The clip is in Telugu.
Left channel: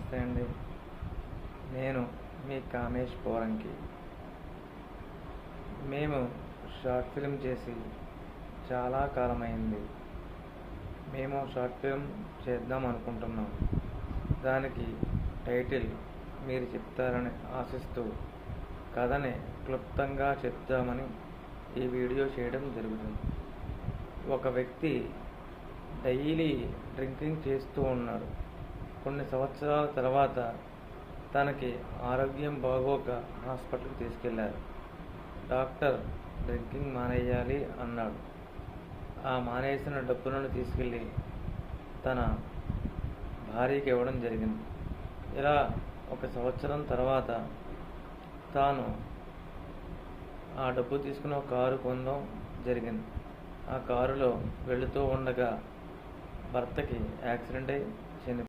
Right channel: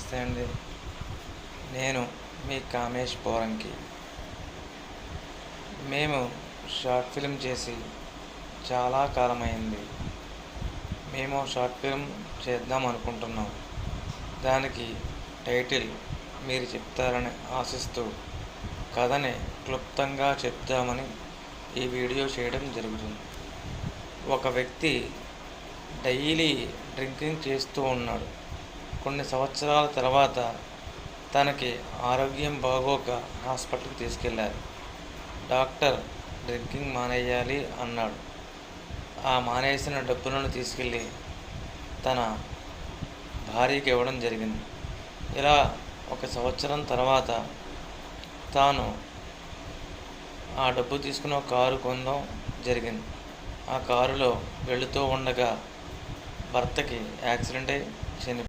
నమస్తే అండి. నేను మీ కామేష్ పోరంకి. మేము షార్ట్ ఫిల్మ్ చేసి చాలా కాలమైంది. మేము షార్ట్ ఫిల్మ్ చేద్దాం అనుకుంటున్నాం. దానికి టైటిల్ మీరు చెప్తారని ఆశిస్తూ కథని క్లుప్తంగా చెప్దామని ఈ వీడియో చేయడం జరుగుతుంది. ఒక వ్యక్తి డైలీ డ్రింకింగ్ చేస్తూ ఉన్నాడు. కొన్ని సంవత్సరాల తర్వాత తనకి ఆరోగ్యం బాగోక హాస్పిటల్కి తీసుకెళ్లారు. డాక్టర్ డ్రింకింగ్ మానేయాలి అన్నాడు. ఆ మానేసిన డబ్బులను తీసుకెళ్ళి తన భార్యకి ఇవ్వడం జరిగింది. ఇలా 1 సంవత్సరం తర్వాత తాను ఆ డబ్బు తీసుకుని ఒక కారు కొనడం జరిగింది. ఆ కారులో వెళుతూ ఉండగా భర్తకి యాక్సిడెంట్ అయి చనిపోయాడు.